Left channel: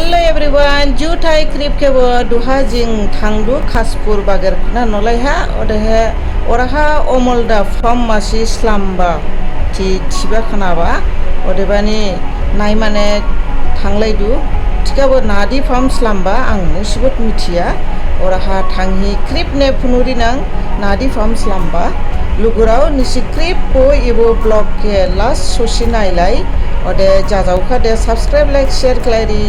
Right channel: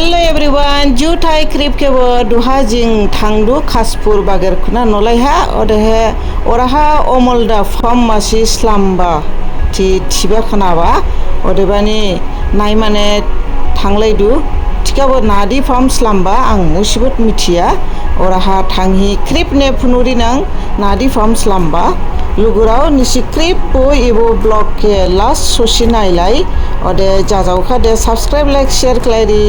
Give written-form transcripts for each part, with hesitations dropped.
Hello everyone, Jutai Krip kewo duha jing thangdu Khaspur bager kuna nolai ha odehe oraha omolda form masi slamba ti tiba khana ba odebani nai mane thanglai du tikabo nadi form slamba ang musibut mitia oraha thanghi krip ne phunuri nang nadi form slamba lugurao nisi krip po ibo blog ke last sosi nailai ode jajau kha de subscribe like share klairi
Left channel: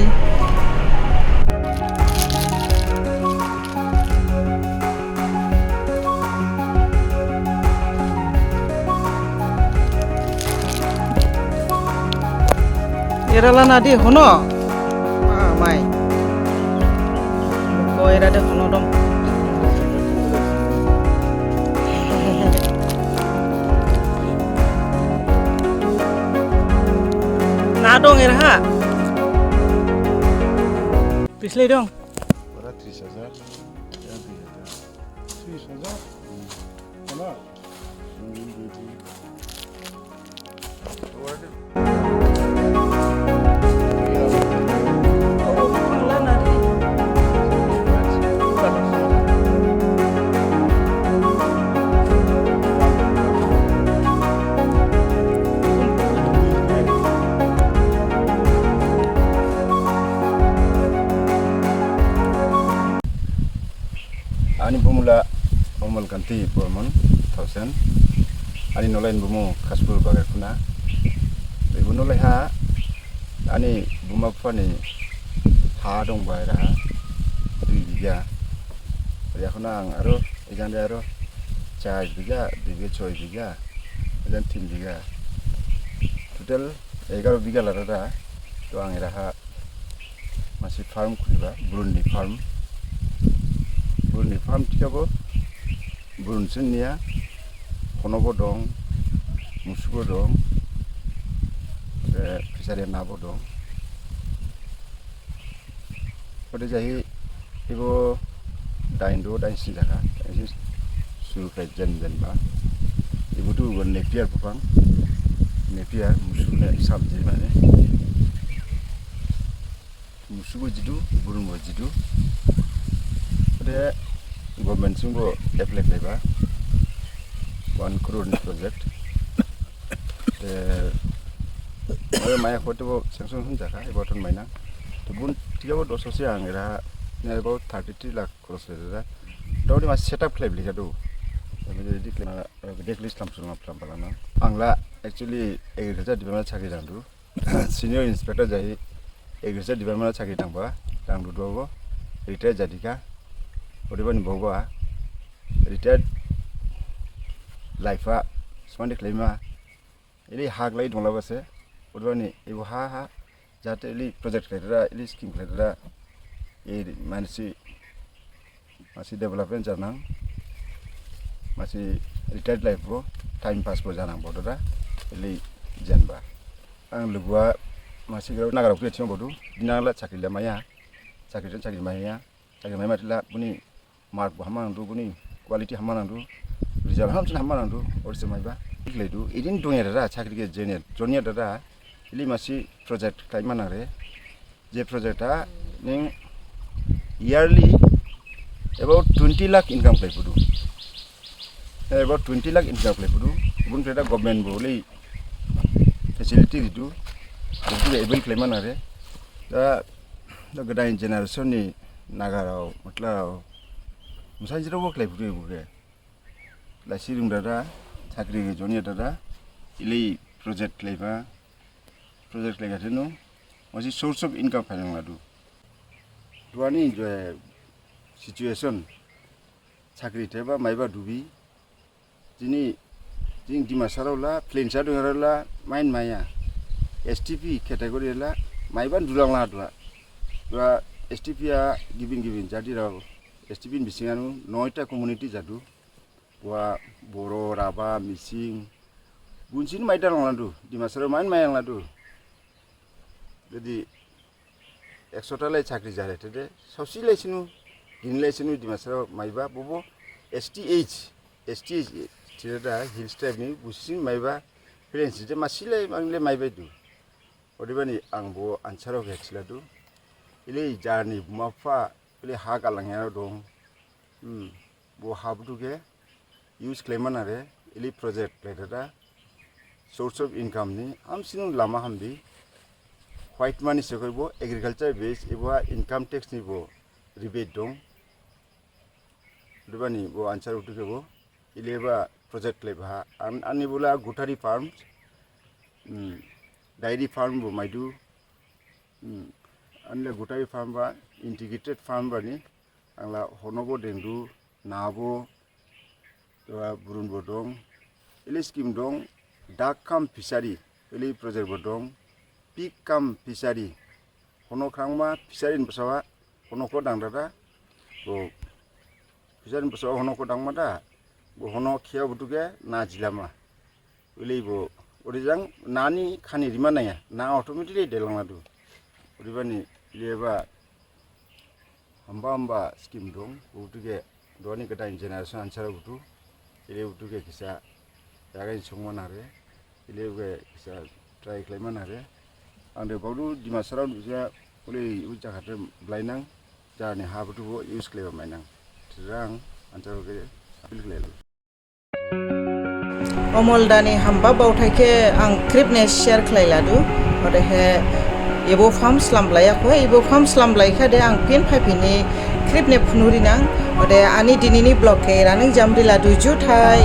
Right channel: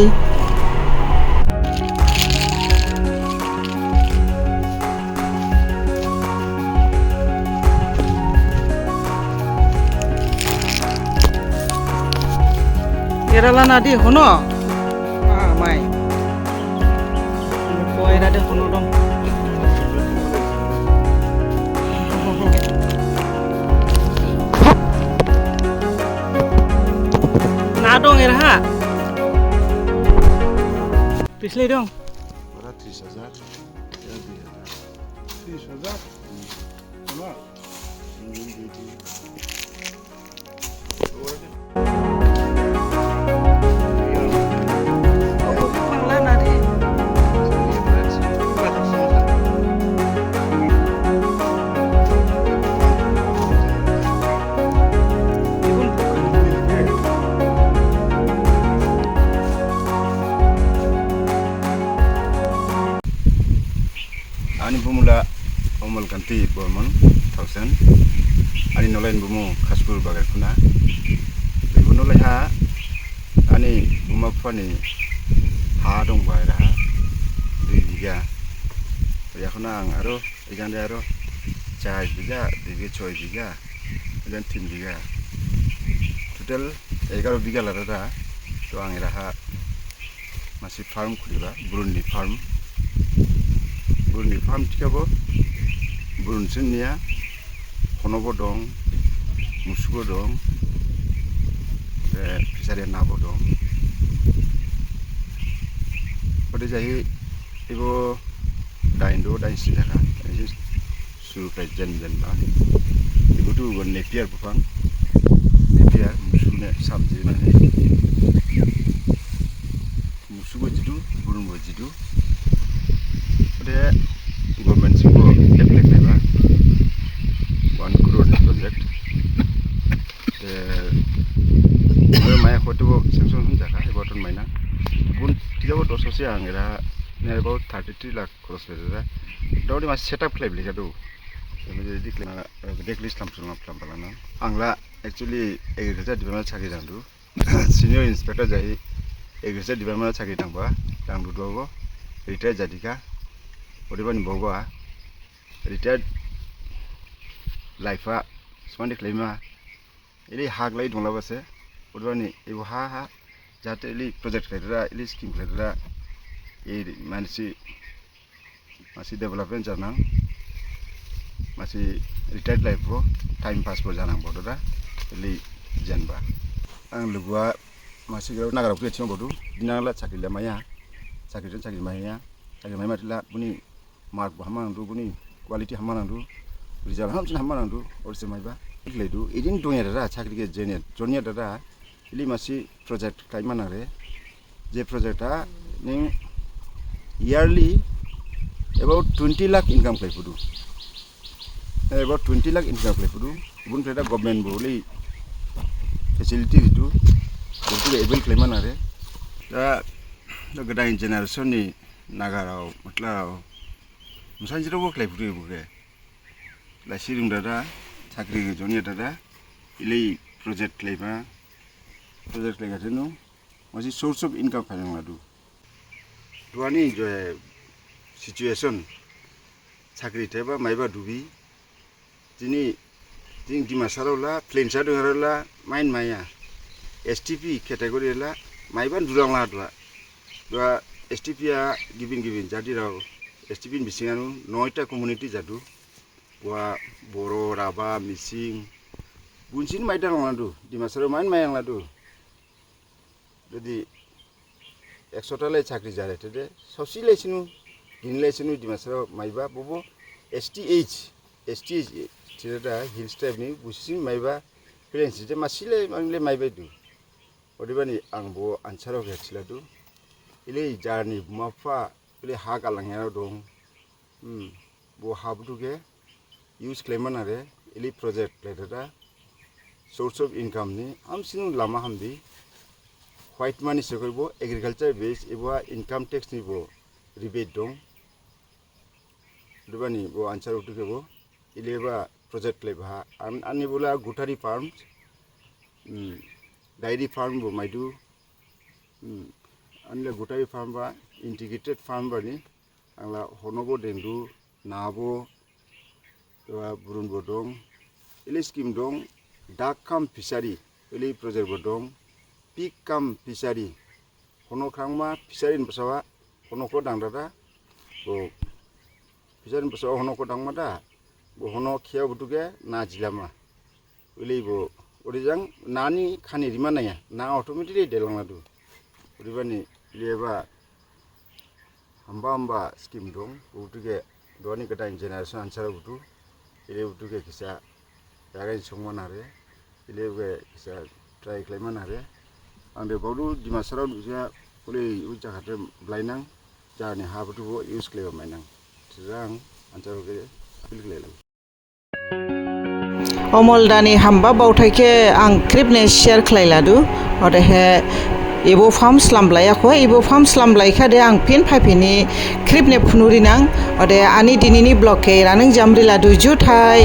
Kerala nadi hono, mai, koi rade hono dong. Na dong ha, पिछले dong. 30,000. 30,000. Ama. Ani bumula omal kanti bormon 1000 ani nolain bumu Khaspur bagar kuna ibu nolai ha ani buma fani ha dong baira 2 biga ya kuna ang aro ijan aro 4 biga 6 biga ijan 3 biga total 11 biga lara to ang iraha masih farm kuliba Buruni farm tikabo burun sinnia honobo dong musugo dong fisari nabo dong ode jahi ibo daindo dain sindaka su jen ba ibu tu gon nepiar bufang nepiar musune sabji na musugo jidu burun bo jidu ode government sugo apply kaiba 1 crore project ore maya khoto sanction hun jaka e button maina bun tigabo doso se angera ne about 33 lakh cross reda dawdi ma setup claim lika do me declare plan balana angla actually agriculture department chakri dandu senior inspector jai agriculture department chakri dangba dangdu dogo retire jadika odebani boba retired life smandi claima ili haglai dongla base odebani ibo ha jate ili project khaira ili scheme khaira e mansi development janang masi retired life bo time pass bo janang bododa ili janba ang lugwa masi nagara pure chong bodu dinala chakri maya chakri matila buni mark hamandu buni quality hamandu result hamsin hamandu orse maiba ikledu idin dongera chakri ke junior dada ili masi project kaimanare je project ning yearly about 20 lakh income kaipudu bun preda government boli facility ditu butu able kaimanare da gadai generation ni nagarao matlao musanjiro work life buke la sirum dada chakri junior dada ili project lega tenu masi source of income khanang ladu duani je situation chakri teba maiba dubi jini dimasarala plain sadungara main maya STP category la maiban durang la dua STP ya giving jadi raw STP bisinganu 9ta community jadu wa boro raba mising bunsin maidan landu di masaro main mayang ladu jadi 100 ta lai chakri jare tede sosi lesinu dinlesinu di masaro maiba bobo STH tirada hill step ni busin maiba friends je masile mangle maiba du odibani angbo ansaro gachiladu इले जारनि बुमाफा इले हा गालांनायाव दं बो हाबुटुके use खालामोन आरो इले project लायदा source of income नि हामसिन लामा हामबि व्हाइट मानि सकरबो एग्रीकल्चर बेस एबा इनकम टैक्स नि बो रिबेट दं दुबानि बो आंसर उठुके बो इलेबा प्रोजेक्ट लेबा आंनि बोला गुटारी फार्म्स डायरी फार्म बो माइदु आंले गुटारी फार्म बा इंटीग्रेटेड फार्म बानि आंला हनबो देंदु नाबो तो बुरुनबो दं इले स्कीम दं डाक काम फिसारी इले प्रोजेक्ट बो दं पिक काम फिसारी हनो ख्रांमा फिसारी बसावा हनको दांदादा बो फिसारी बसावा हनको दांमादा बो हनो खिया बुटुके ना जिलामा इले बो ओरिजां नानि खानि रिमा नाया ना ऑटोमेटिकली देलांलादु ओरिबानि लेबा hamba scheme dong butuke doni kata generation answer butu ile butuke kisa yaga songman are ile be kisa try claiman are ande bauru dimasara bisa ule uja khate blainang jani ha butu bo use claim mainang tirang answer ke appeal claim अमलदानि हामबा बावथायखे आं क्रिपने share खालायलादु अदे हे एबो farm स्लामलायाखो एबो farm स्लामलायखादे आं fin फाइफिनि क्रिपने फुनुरिनां अदे आनि दिनिनि blog के रानों जामरिलादु जुथाय